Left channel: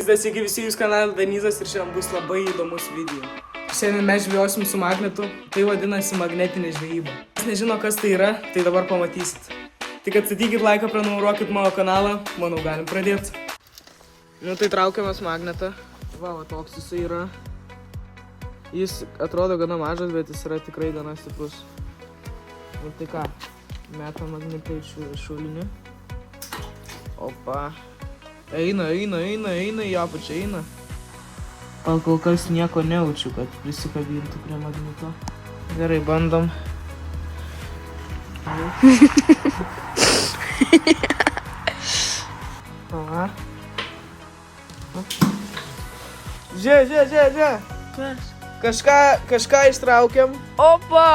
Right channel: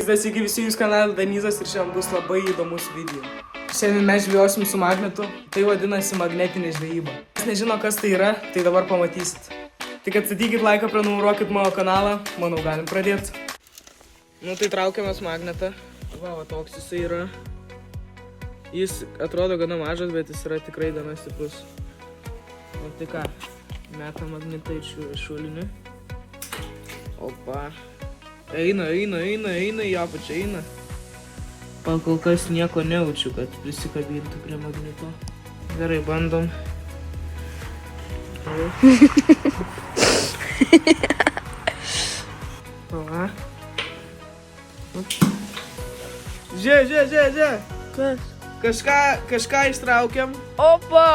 Sveiki visi jūs kanalą Danizas ir šiandien bus labai įdomus video. Šiandien mes žvejosim su magnetu, tai vadinasi magnetinė žvejyba. Kas nežino kas tai yra, tai dabar pamatysit. Tik atstatykit laiką, prenumeruokit mano kanalą, manau galim pradėti. Nu tai traukiamas magnetą, va toks jisai yra. Jis atrodo gana mažas, bet jis yra tikrai gana stiprus. Ir tai ką, metam magnetą iš šulinį. Opa. Eina, į apačią eina. Kol kas nieko nejaučiu, kad prisikabintų prie magneto. Gerai, bandom. Aha. Žiūrė. Kas? Kažką ištraukiam. Opa!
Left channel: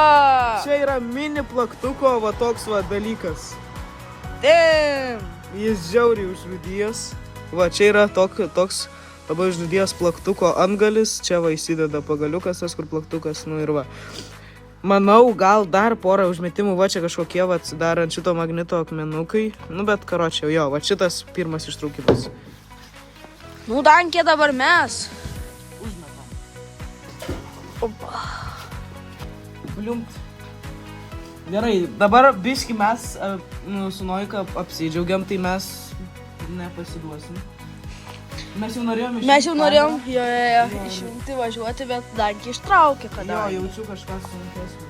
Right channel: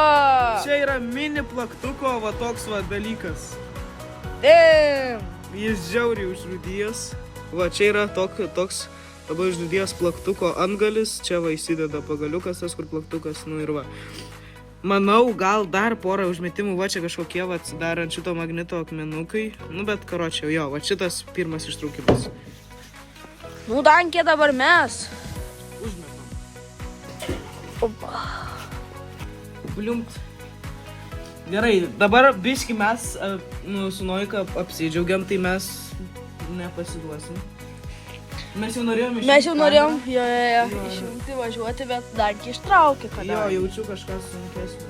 Čia yra mini plaktuko va toks va dalykas. Damn! Jis žiauriai užrūdijęs. Va, čia yra toks labai užrūdijęs plaktuko antgalis. Čia va įsideda pagaliukas, tas kur plaktukas, nu ir va. Manau, gal dar porą užmetimų, va čia kažkokie va dar ant šito magneto akmenukai. Nu bet karočiau, jo, va šitas pirmas ištraukimas. Nu, dankė dabar mes. Užmetam. Opa. Bliumpt. Gerai, dabar biški mes su Noika apsidžiaugiam, tai mes nepasiduosim. Mes jau norėjom išjungti važiuoti, bet dankį ištraukė, kada. Jo, jaučiu kažką sunkesnio.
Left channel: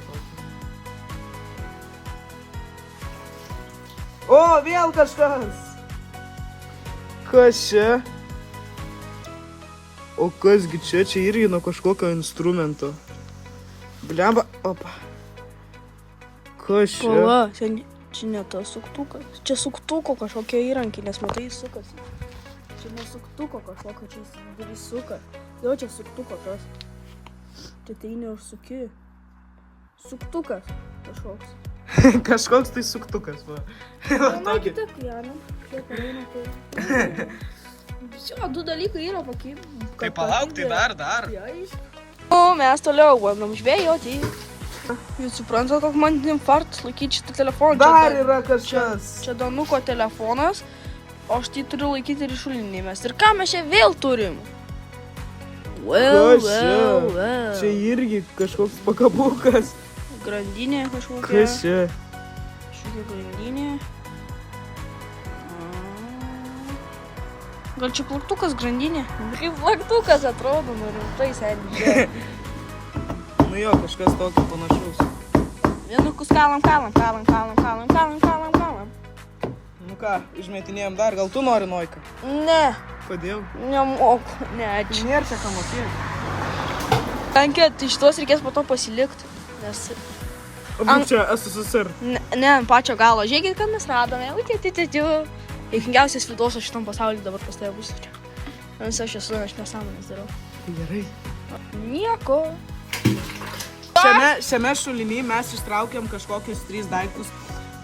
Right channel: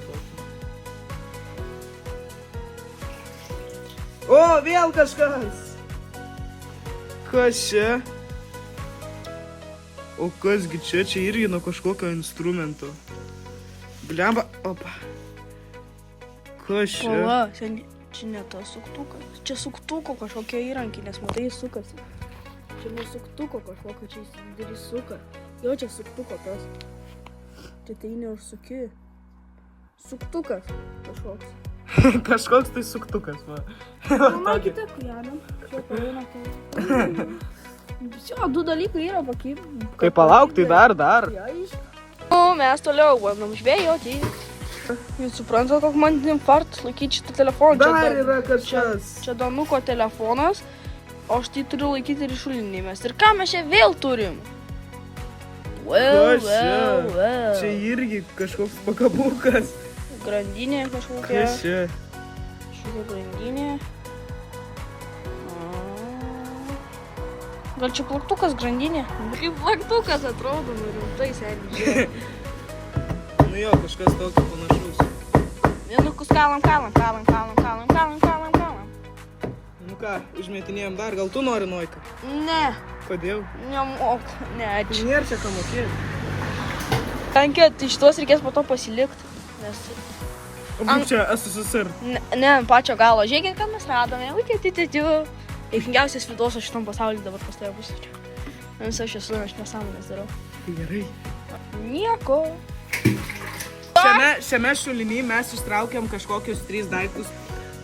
O, vėl kažkas! Kas čia? O kasgi čia? Čia irgi nuo kažkokio instrumento. Blemba, opa. Kas čia? Pala, čia ne tas suktukas. Čia suktuko kažkokie įrankiai, nes matai jis sukasi. Čia ne suktuko kažkokio, čia jis didelis suka. Jo, čia suktuko tas. Čia tai neužsuki. Suktukas kažkoks. Kažkoks tai suktukas, va. Na, kita klienė. Čia pareina tai. Čia, du dalykai yra pakeitimai. Kai palauk, tai dar. O, mes toliau bandom žvejoti. Jūs suprantate, koks man infarktas laikyti šitą telefoną. Dar yra kažkas. Čia Danuko telefonas, o aš tai turiu laikyti ir šulinį mes. Ir ką mes čia vėl turim? Well. Čia irgi kažkoks pakabukas. Grandinė kažkokia. Kas čia? Kažkokia grandinė. Gal čia plaktukas grandinė? Kaip plaktukas atrodo, nu rimtai seniai žiūrėk. Nu jo, kažkas tokio panašaus. Vienukus kalam. Nu ką, išmetinėjom dar, gal tu nori Noika? Ne. Kodėl? Nemoku, ne. Tai nėra čia ką mokėti. Tankė, tai šitos reikės po to pasilikti, nes... O būk čia SSSR. Ne, ant pačio galo. Žiūrėkit, ką mes radome. Teisingiausias vidos šitam pasaulyje dabar pas tave bus. Nes aš nesąmonės darau. Tai gerai. Nieko. Šiame šulinį mes ištraukėm kažkokius 3 daiktus.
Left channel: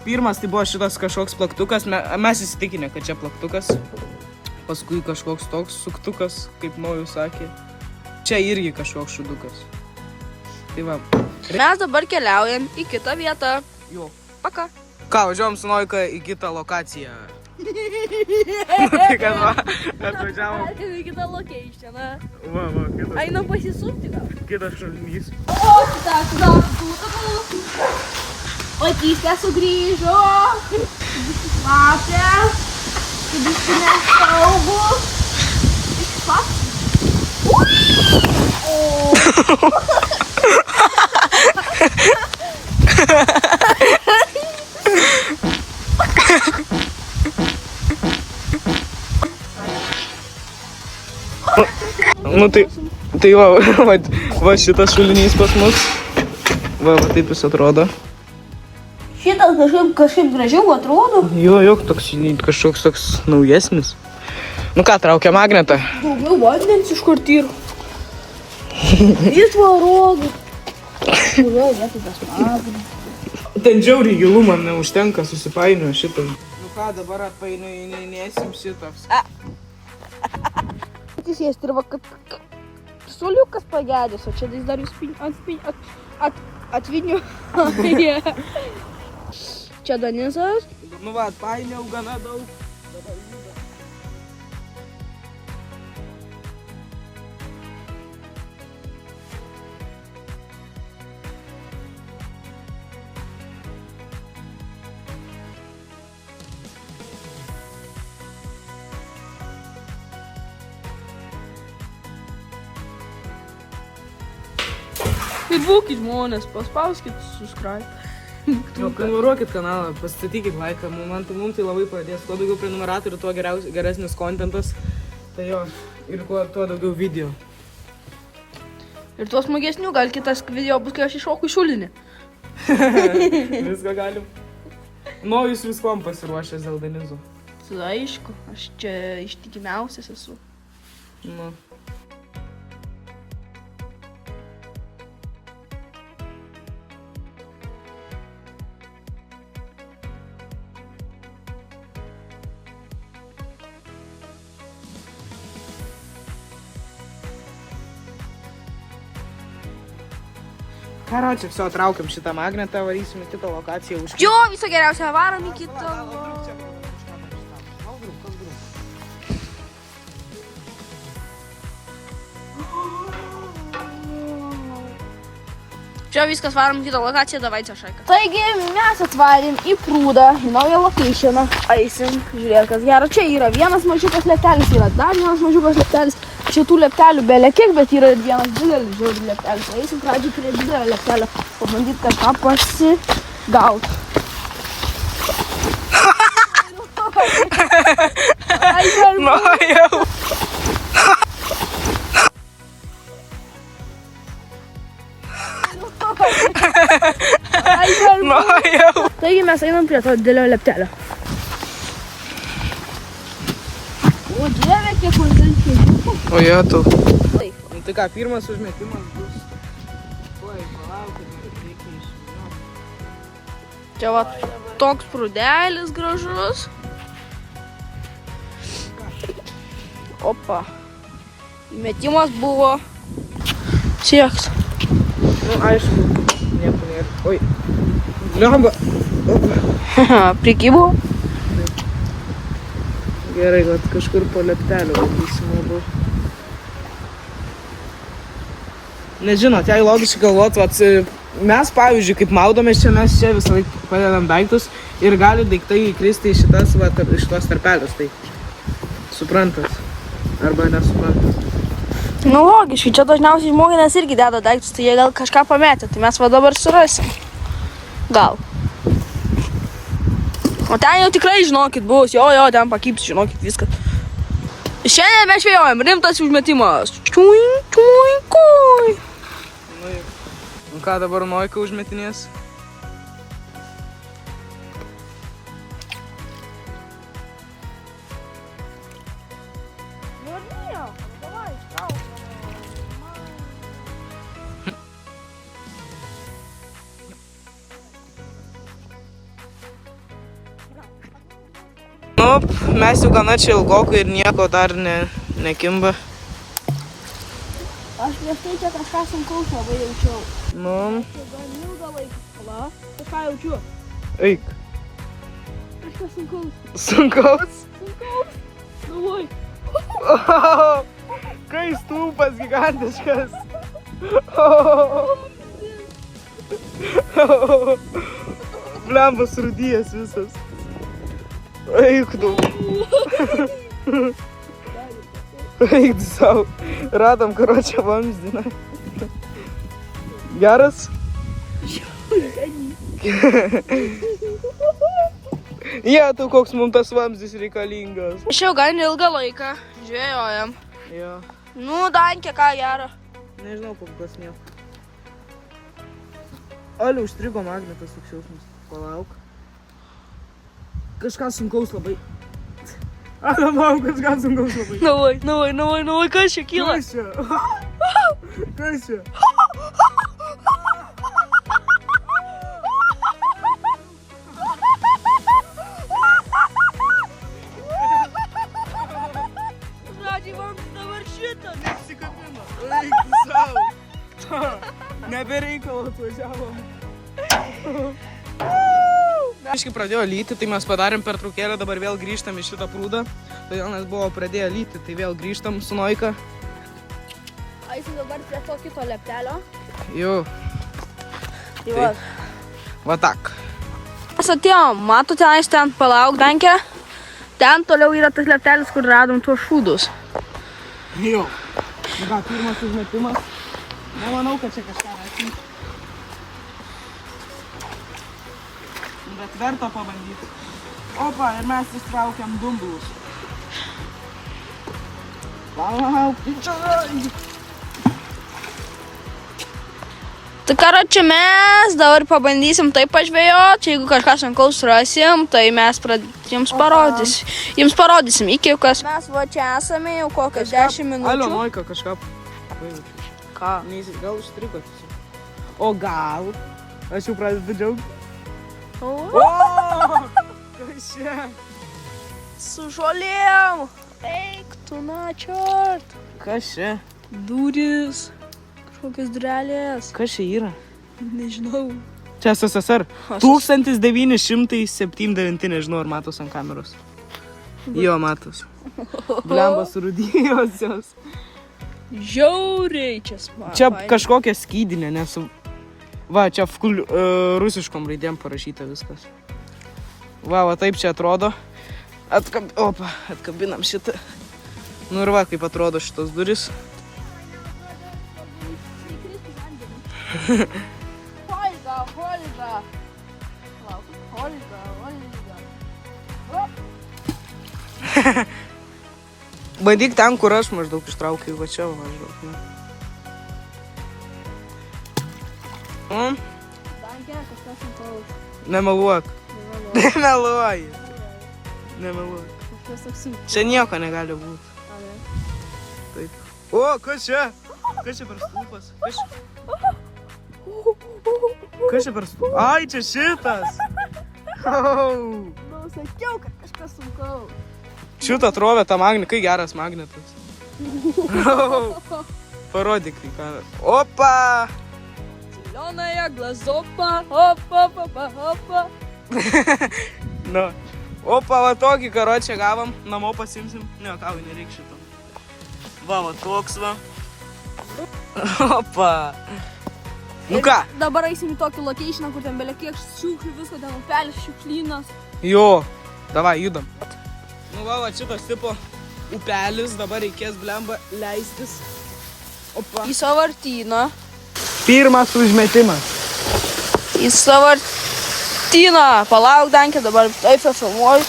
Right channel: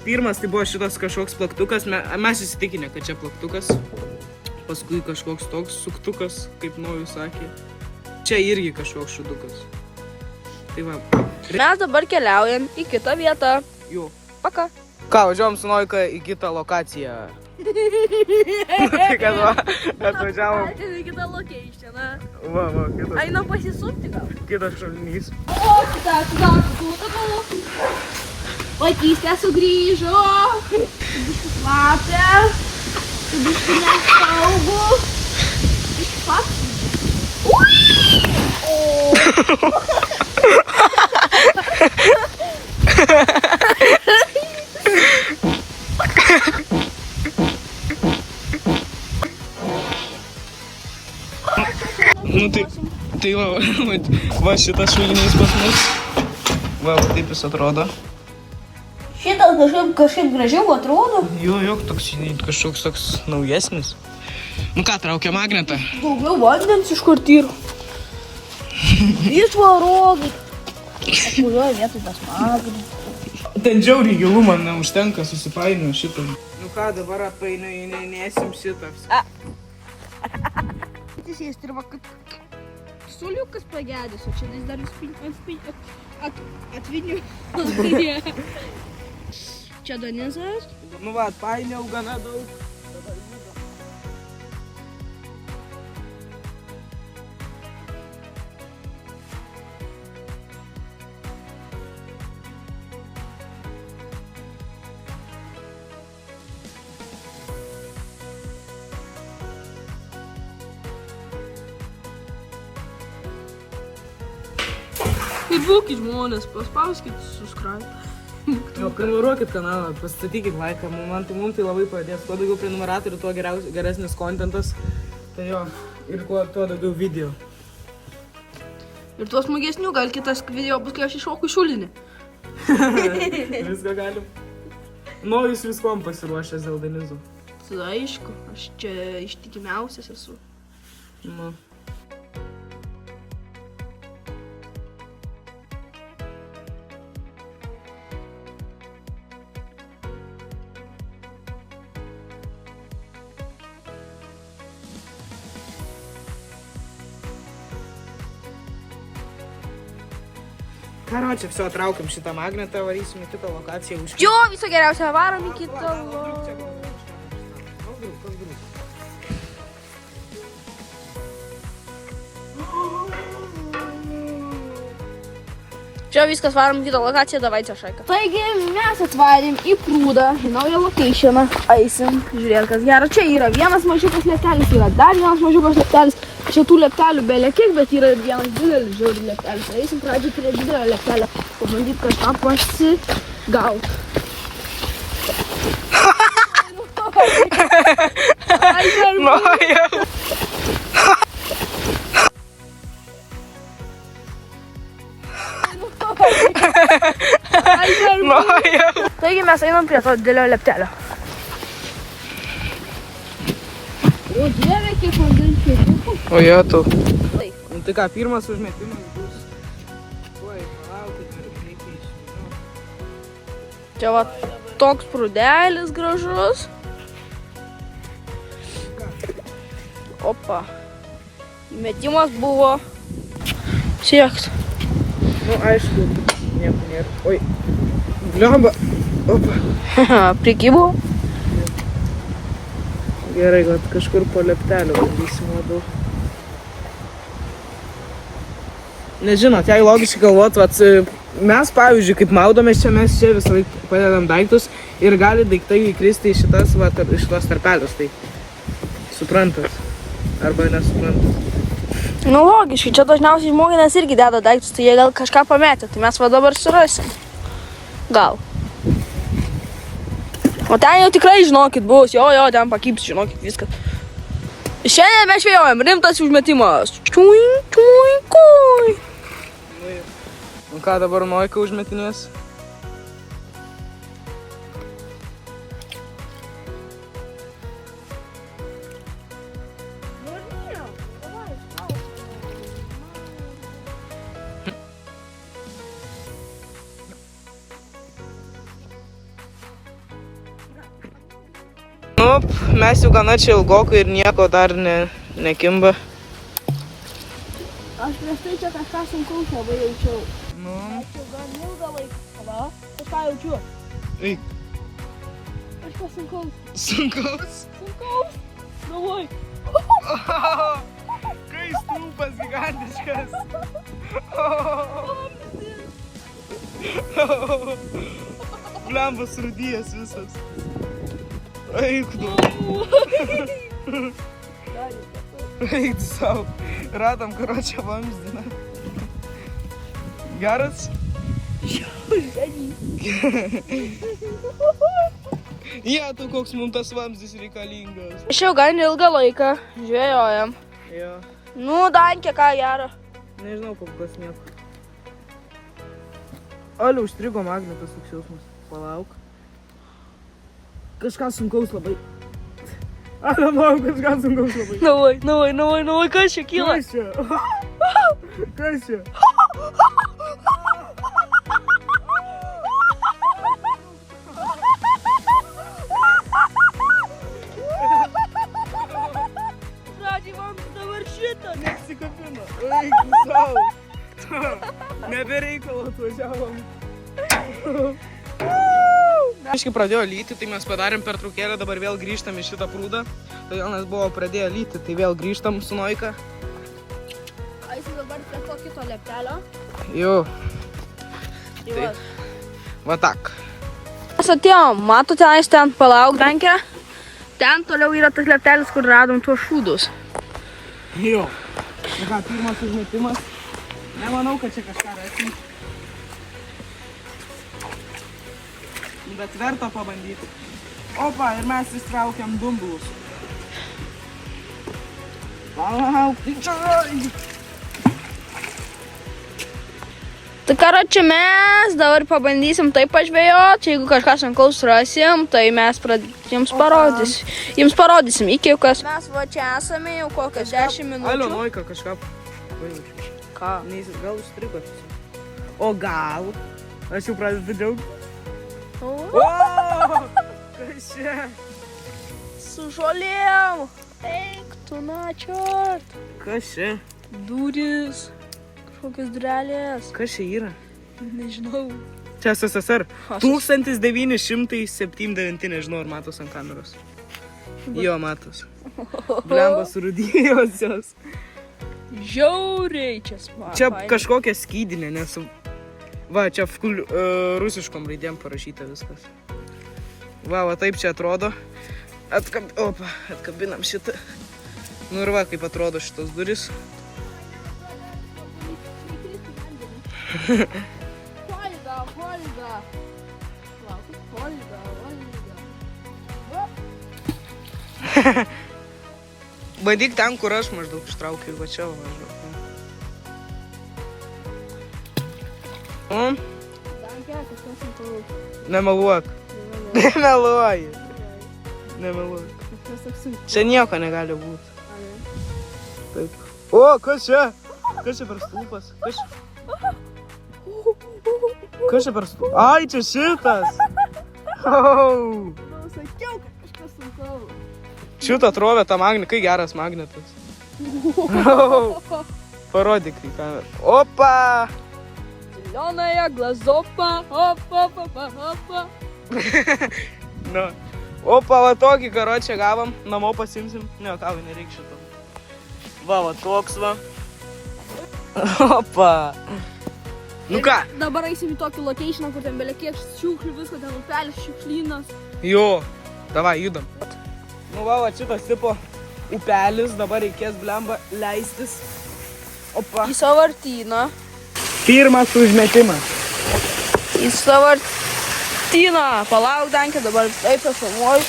Pirmas tai buvo šitas kažkoks plaktukas. Mes įsitikinę, kad čia plaktukas. Paskui kažkoks toks suktukas, kaip Nojus sakė. Čia irgi kažkoks šudukas. Tai va. Mes dabar keliaujam į kitą vietą. Jo. Paka. Ką, važiuojam su Noika į kitą lokaciją. Tai kad va, atvažiavom. Į kitą location, na. Va, kitas. Einam pasisupti. Kitas šulinys. O, kita. Vaikystė sugrįžo. Lapė. Biškį nesaugu. Biškį pats. Nu tai va šitas šulinys pas mus. Va, taip jis atrodo. Šitas kažkaip gražiau atrodo. Jo, toks kažkoks toks naujesnis. Nu ką, traukia magnetą? Daugiau magnetas iš kur tyr. Jis varodo. Kurioje vietoj tas magnetas? Ten žiauriai gilu man neužtenka, susipainioju šitą. Nu ką, dabar painioinėsim šitas. Atsisėsti ir va, kad suoliukas pagedęs, o čia jis dar atviniu. Čia Danizas. Nu va, painiau gana daug. Tai būkit žmonės, paspauskit subscribe. Jo, prenumeruokit kanalą, pastatykit laiką, mums tai labai padės. Kuo daugiau prenumeratorių, tuo geresnis kontentas. Tai jo, ir tuo daugiau video. Ir tuos smagesnių, gal kitas video bus, kai aš iššoku šulinį. Viską galim. Jūs viskom pasiruošęs dėl Denizų. Tada aišku, aš čia ištikimiausias esu. Nu. Karočią, viso traukiam šitą magnetą, varysim į kitą lokaciją už... Jo, visą geriausią varom į kitą. Čia viskas varom į kitą lokaciją, davai čia šaika. Taigi mes atvarėm į prūdą, į naują locationą. Eisim, žiūrėt, kas gera. Čia yra vienas mažiukas leptelis, yra dar vienas mažiukas leptelis. Šitų leptelių belekiek, bet yra ir vienas didelis žiūri leptelis. Eisim pradžiai prie didelio leptelio, pabandyt kažką pasigaut. Taigi mes einam prie to didelio leptelio. O dieve, kiek vandenčių. O jo, tu. Taip. Nu tai ką, pirmas užmetimas bus. Tuoj, palaukit, reikia išvynioti. Čia va toks prūdelis gražus. Opa. Įmetimas buvo siekt. Nu, aišku, nieko nėra. Oi, bliamba. Opa. Prikibo. Gerai, kad kažkur po leptelio bandysim labiau. Nežinot, jei logiškai galvot, mes, pavyzdžiui, kaip maudomės čia, mes čia visą laiką padedam daiktus ir gali daiktai įkristi į šitas tarpelius, tai suprantat, arba nesuprantat. Nu, logiškai, čia dažniausiai žmonės irgi deda daiktus, tai jie gal kažką pametė, tai mes va dabar surasim. Gal. O ten jau tikrai, žinokit, bus, jo, ten pakyps, žinokit, viskas. Šiandien mes žvejojam, rimtas užmetimas. Čiuink, čiuink, oi. Nu ką, dabar Noika užmetinės? Nu, mes jau gana čia ilgokai ir nieko dar nekimba. Aš prieš tai čia kažką sunkaus labai jaučiau. Nu. Aš gan ilgą laiką. Tada, kažką jaučiu. Eik. Kažkas sunkaus. Sunkaus? Sunkaus. Galvoj. Kai stulpas gigantiškas. Blembas rudijas visas. Eik tu. Eik tu savo. Radom karočią vamzdį. Geras? Tu koks mums tas vamzdis reikalingas. Aš jau gan ilgą laiką žvejojam. Jo. Nu, Dankė, ką gero. Nežinau, kol kas nieko. Aliu, užstrigo magnetas toks jausmas. Palauk. Kažką sunkaus labai. Palauk, kažką sunkaus labai. Navai, kas čia kyla? Kas čia? Kas čia? Žodžiai, man dabar šitą. Nesikabino. Eik tu savo. Nebereikalo atvažiavom. Aiškiai pradėjo lyti, tai mes padarėm pertraukėlę, dabar vėl grįžtam į šitą prūdą. Todėl mes buvo pradėję lyti, tai vėl grįžtam su Noika. Eisim dabar prie to kito leptelio. Jo. Tai va. Va tak. Mes atėjom, matote, aš ten palauk, Dankė. Ten toliau yra tas leptelis, kur radom tuos šūdus. Jo. Nu ką, pirmas užmetimas. Nemanau, kad čia kažką rais. Bet verta pabandyti. Opa, ir mes įstraukiam dumblus. Palauk, tai čia. Tai karoči, mes dabar pabandysim taip pažvėjot. Jeigu kažką sunkaus rasim, tai mes jums parodysim. Iki kas. Mes va čia esame jau kokias 10 minučių. Alio, Noika kažką. Ką? Gal užstrigo tiesiog. O gal? Aš jau pradedu džiaugti. O! Kas čia? Su žolėm. Eik, tu načiot. Kas čia? Duris. Kažkokios durelės. Kas čia yra? Nežinau. Čia SSR. 1979, nežinau, ar matos ant kameros. Jo, matos. Blemba surūdėjosios. Žiauriai čia smagu. Čia kažkokia skydinė, nes... Va, čia rusiškom raidėm parašyta viskas. Va, taip čia atrodo. Atkabinam šitą. Nu ir va, kaip atrodo šitos duris. Holga. Bandyk ten, kur aš maždaug ištraukiu, va čia maždaug. Dankė, kažkas sunkaus. Nemeluok. Nemeluoji. Nemeluok. Kažkas toks sunkus. Čia nieko negali būti. Taip. O, kas čia? Kas čia per stulpas? Kas čia per stulpas? Ai, čia šitas. Nu, sakiau, kad kažkas sunkaus. Šitą atrovė tą magnetą. Kai geras magnetas. Parodyk į kamerą. Opa! Zielonaja glazopa. Opa. Nu. Opa, va tokį karočią gavom. Namo pasimsim. Ne, kavai nereikia šito. Va toks va. Opa. Nu ką? Dabar eisim į tokį locationą, kur ten belekiek šiukšlių, visko, ten upelis, šiukšlynas. Jo. Davai, judam. Nu va, šitas tipo upelis. Dabar reikės blemba leistis. Opa. Į sąvartyną. Pirmas užmetimas. Į sąvartyną. Palauk, Dankė, dabar taip filmuoju.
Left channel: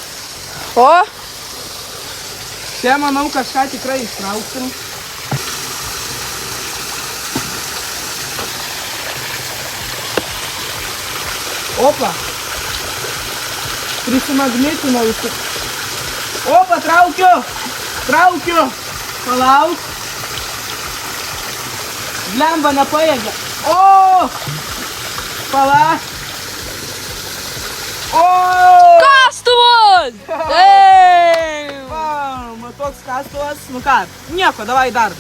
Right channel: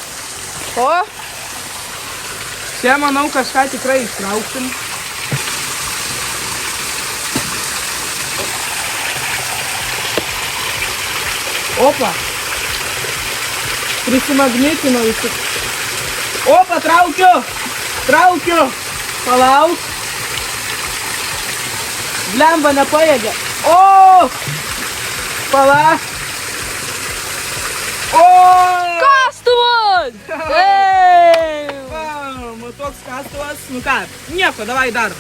O? Čia, manau, kažką tikrai ištrauksim. Opa. Prisimagnetinau visi. Opa, traukiu. Palauk. Blemba nepajėgia. O! Palauk. O! Kastuvas! Eee! Va, toks kastuvas. Nu ką, nieko, davai dar.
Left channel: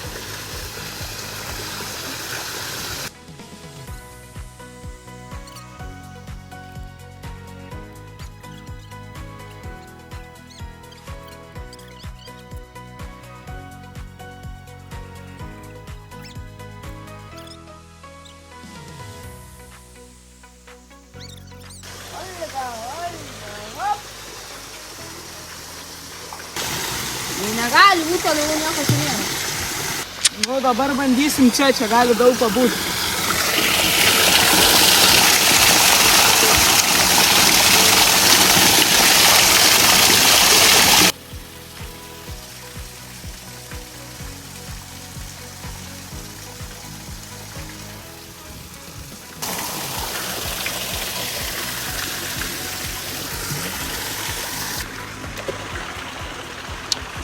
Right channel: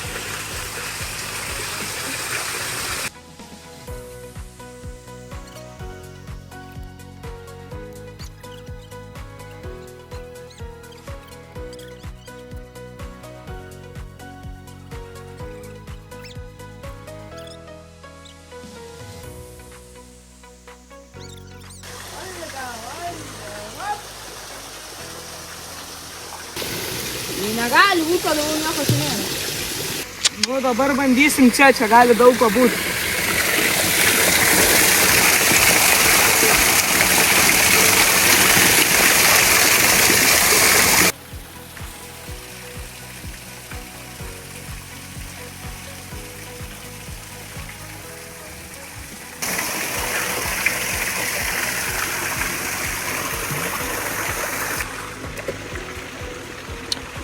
Negali būti, toliau nieko čia nėra. Nu, dabar bandysim čia gali daug pabūti.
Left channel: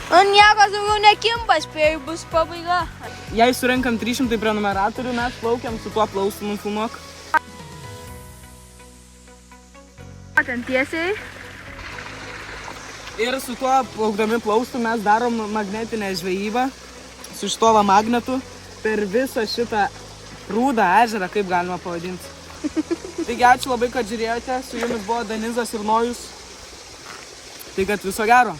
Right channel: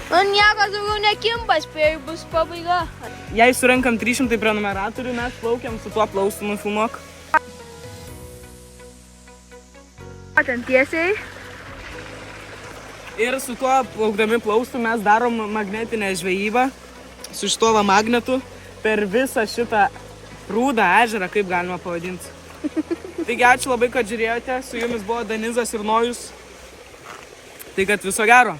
Nu, niekas daugiau nekimba, spėju, bus pabaiga. Jei surenkam 300 prenumeratorių, mes plaukiam su tuo plaustumu filmuok. Ten tiesiai. Ir su tuo plaukdami plaustu mes darom magnetinę žvejybą su šituo magnetu per visą šitą prūdą ežerą, kaip galima pavadinti. Taigi ačiū labai, kad žiūrėjote. Su jumis buvo Denizas ir Nojus. Tai kad viso gero.